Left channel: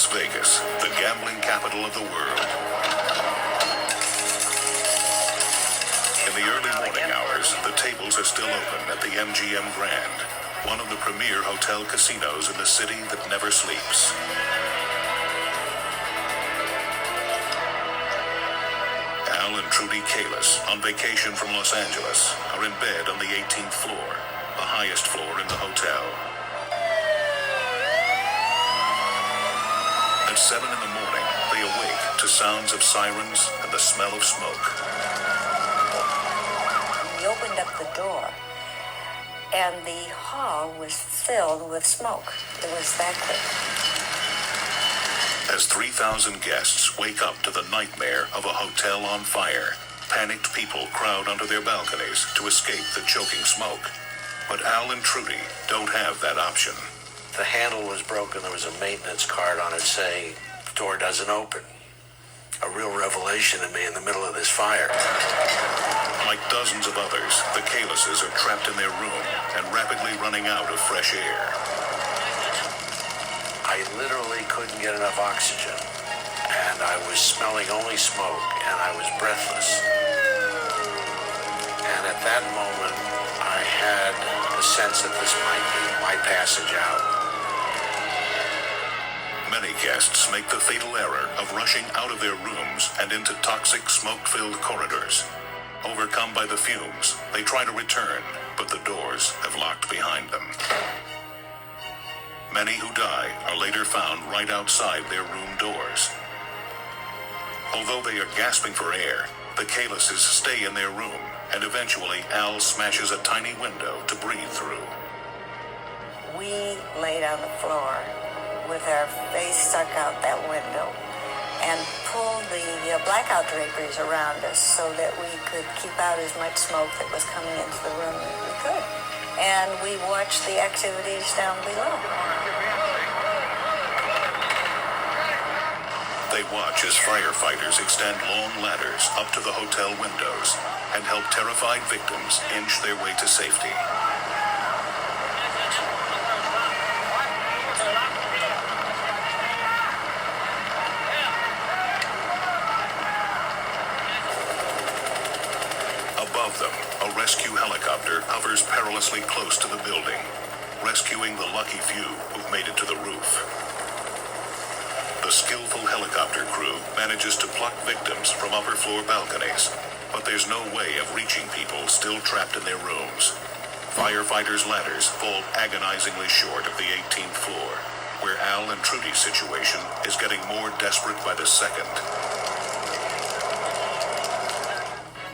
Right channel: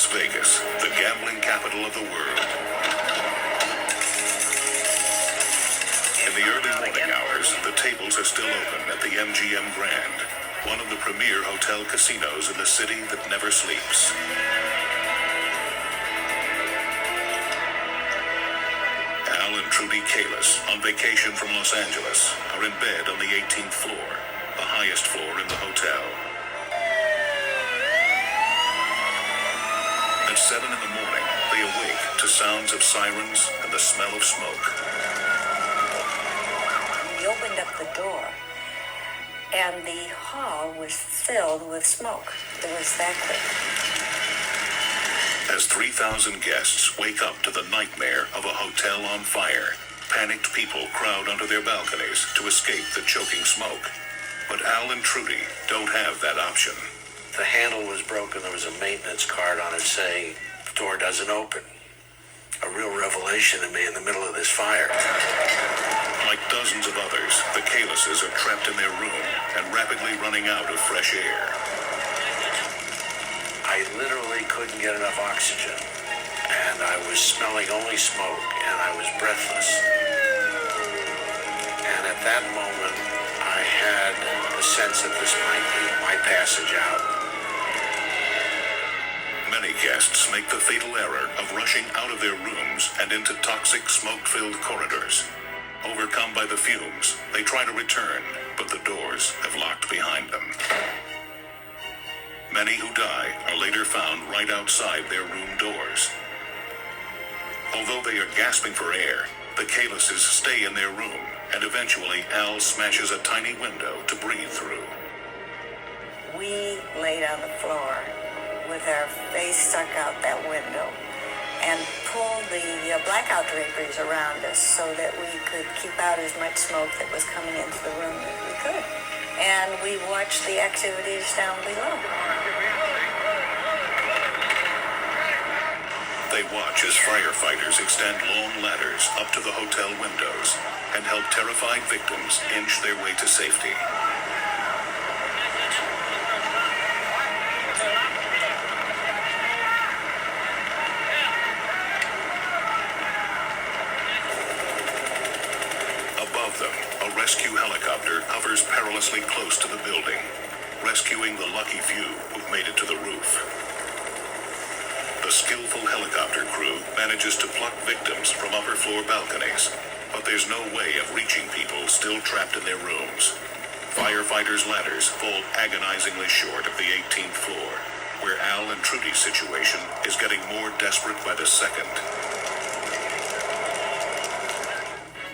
Las Vegas, the gambling capital of the world. In the early morning hours, the tables are still open at the MGM Grand, one of the premier hotel casinos in the city that never sleeps. Al and Trudy Kalis, on vacation from Los Angeles, are in bed on the 18th floor, the highest floor in the hotel. At 7 in the morning, they awake to sounds of sirens and the smell of smoke. We opened up the door, and the hall was filled with smoke. It was that quick. As 3,000 guests wake up to the nightmare of a hotel on fire, panicked people crowd onto their balconies to escape the choking smoke. But Al and Trudy don't have that option. The handle was broken. There was a maintenance card on it saying, "The door doesn't open." A real revelation to me in the middle of this fire. Like dozens of others, the Kalises are trapped in their room and rapidly running out of fresh air. I literally couldn't get enough oxygen, and I was smelling only smoke, and I was breathless. And at that moment, I had a sense that this might be my passage out. Many guests make the fatal error of rushing out of their rooms and into toxic smoke-filled corridors. Overcome by the fumes, they try to return, but the doors have locked behind them. Many who die are later found right outside their room doors. Although they are gasping for air, the Kalises stay in their room, and eventually Al smashes a tiny window to breathe through. We laid on the floor with our face stuck out that window and pulled the blackout draperies around us so that we could keep out as much smoke that was coming into the room as we could. And we watched the activities down below. They watch as firefighters extend long ladders up to the hotel windows and help terrified victims inch their way to safety. Above them, a rescue helicopter hovers perilously close to the building, rescuing the lucky few who've made it to the roof. The skillful helicopter crew manages to pluck victims from upper floor balconies, but there's no way of reaching people still trapped in their rooms. Firefighters' ladders fall agonizingly short of the 18th floor, where Al and Trudy's situation is getting more desperate by the second.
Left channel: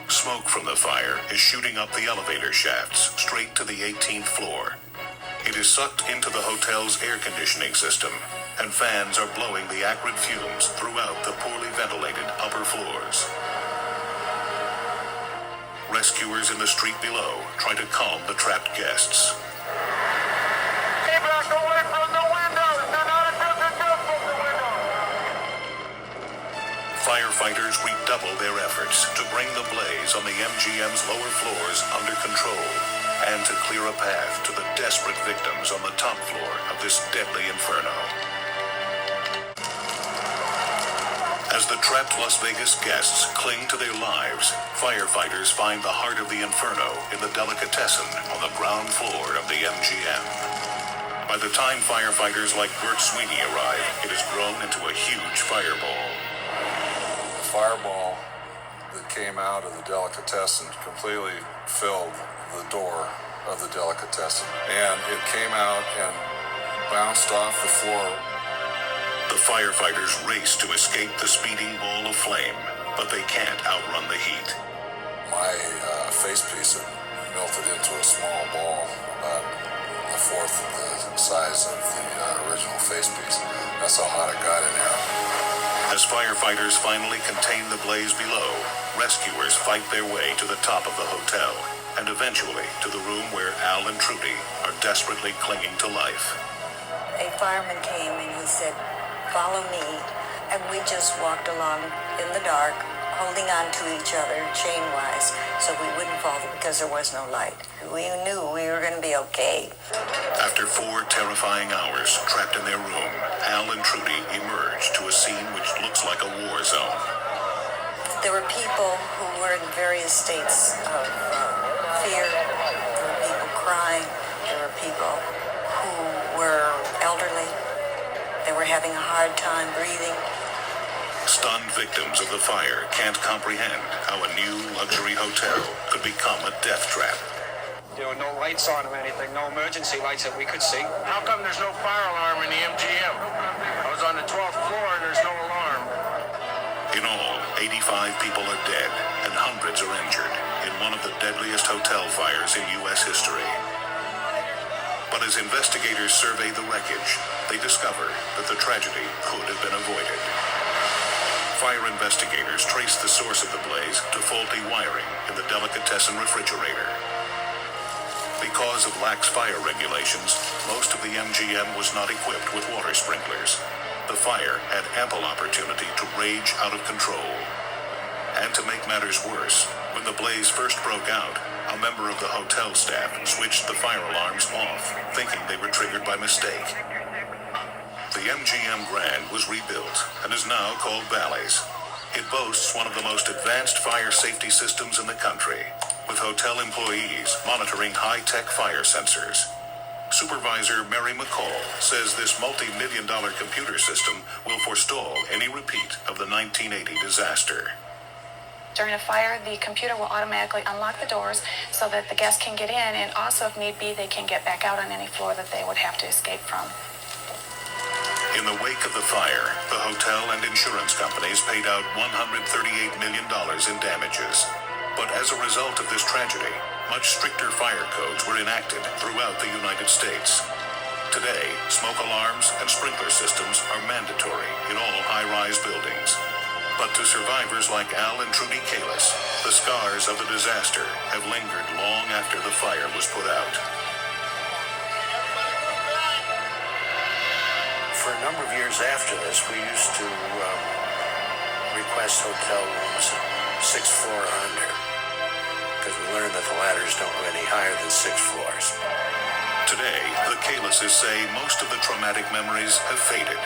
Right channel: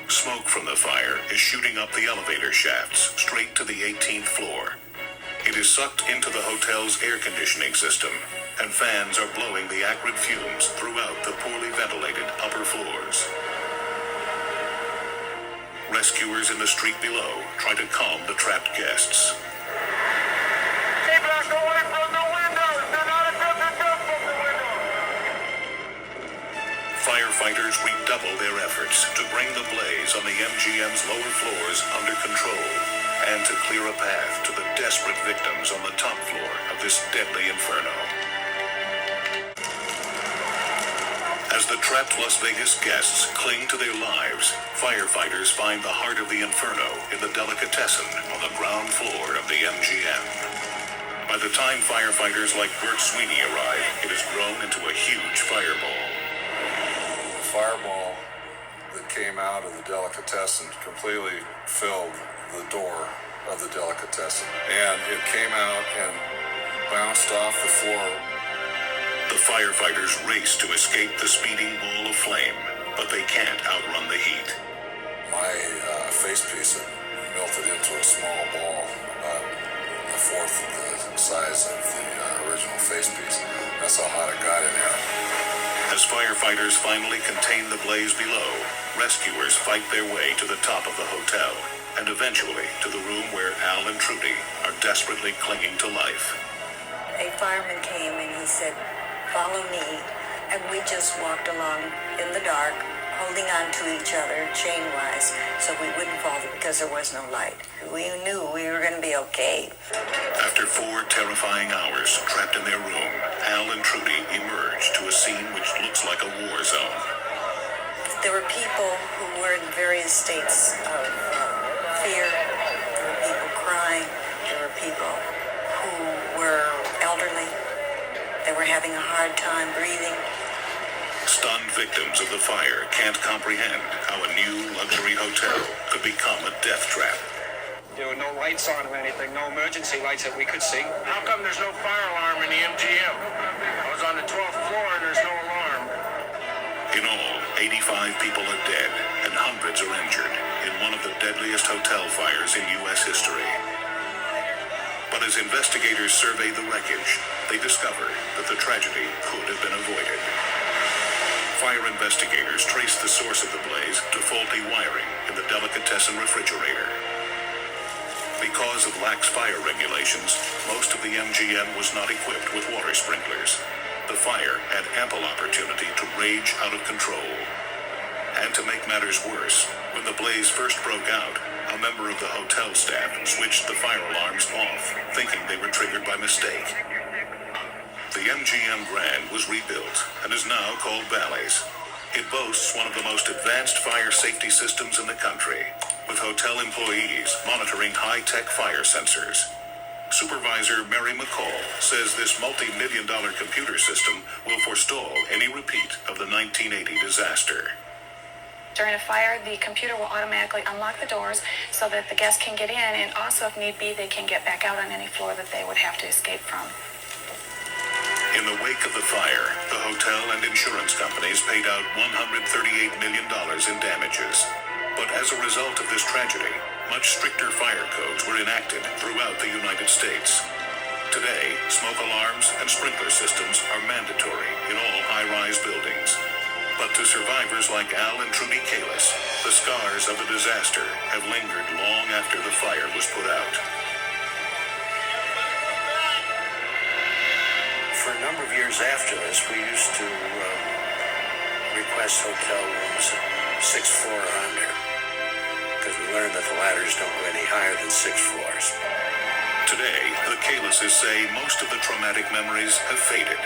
Smoke from the fire is shooting up the elevator shafts straight to the 18th floor. It is sucked into the hotel's air conditioning system, and fans are blowing the acrid fumes throughout the poorly ventilated upper floors. Rescuers in the street below try to calm the trapped guests. Keep back away from the windows! Do not attempt to jump from the window! Firefighters redouble their efforts to bring the blaze on the MGM's lower floors under control and to clear a path to the desperate victims on the top floor of this deadly inferno. As the trapped Las Vegas guests cling to their lives, firefighters find the heart of the inferno in the delicatessen on the ground floor of the MGM. By the time firefighters like Bert Sweeney arrive, it has grown into a huge fireball. The fireball that came out of the delicatessen completely filled the door of the delicatessen. And it came out and bounced off the floor. The firefighters race to escape the speeding ball of flame, but they can't outrun the heat. My facepiece had melted into a small ball, about a fourth of the size of the original facepiece. That's how hot it got in there. As firefighters finally contain the blaze below, rescuers fight their way to the top of the hotel, and eventually to the room where Al and Trudy are desperately clinging to life. A fireman came and he said, "Follow me," and we just walked along in the dark holding on to each other chain-wise so we wouldn't fall because there was no light. We knew we were going to be okay. After 4 terrifying hours trapped in their room, Al and Trudy emerged to a scene which looks like a war zone. There were people who were in various states of fear. There were people crying. There were people who were elderly. They were having a hard time breathing. Stunned victims of the fire can't comprehend how a new luxury hotel could become a death trap. There were no lights on or anything, no emergency lights that we could see. How come there's no fire alarm in the MGM? I was on the 12th floor and there's no alarm. In all, 85 people are dead and hundreds are injured in one of the deadliest hotel fires in U.S. history. But as investigators survey the wreckage, they discover that the tragedy could have been avoided. Fire investigators traced the source of the blaze to faulty wiring in the delicatessen refrigerator. Because of lax fire regulations, most of the MGM was not equipped with water sprinklers. The fire had ample opportunity to rage out of control. And to make matters worse, when the blaze first broke out, a member of the hotel staff switched the fire alarms off, thinking they were triggered by mistake. The MGM Grand was rebuilt and is now called Bally's. It boasts one of the most advanced fire safety systems in the country, with hotel employees monitoring high-tech fire sensors. Supervisor Mary McCall says this multi-million-dollar computer system will forestall any repeat of the 1980 disaster. During a fire, the computer will automatically unlock the doors so that the guests can get in, and also, if need be, they can get back out on any floor that they would have to escape from. In the wake of the fire, the hotel and insurance companies paid out $138 million in damages. But as a result of this tragedy, much stricter fire codes were enacted throughout the United States. Today, smoke alarms and sprinkler systems are mandatory in all high-rise buildings. But to survivors like Al and Trudy Kalis, the scars of the disaster have lingered long after the fire was put out. For a number of years after this, we used to request hotel rooms 6th floor or under, because we learned that the ladders don't go any higher than 6 floors. Today, the Kalises say most of the traumatic memories have faded.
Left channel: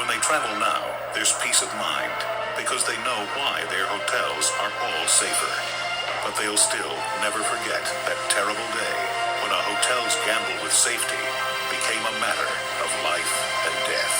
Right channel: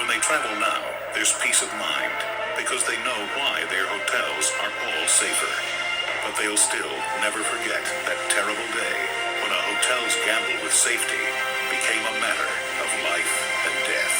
When they travel now, there's peace of mind, because they know why their hotels are all safer. But they'll still never forget that terrible day when a hotel's gamble with safety became a matter of life and death.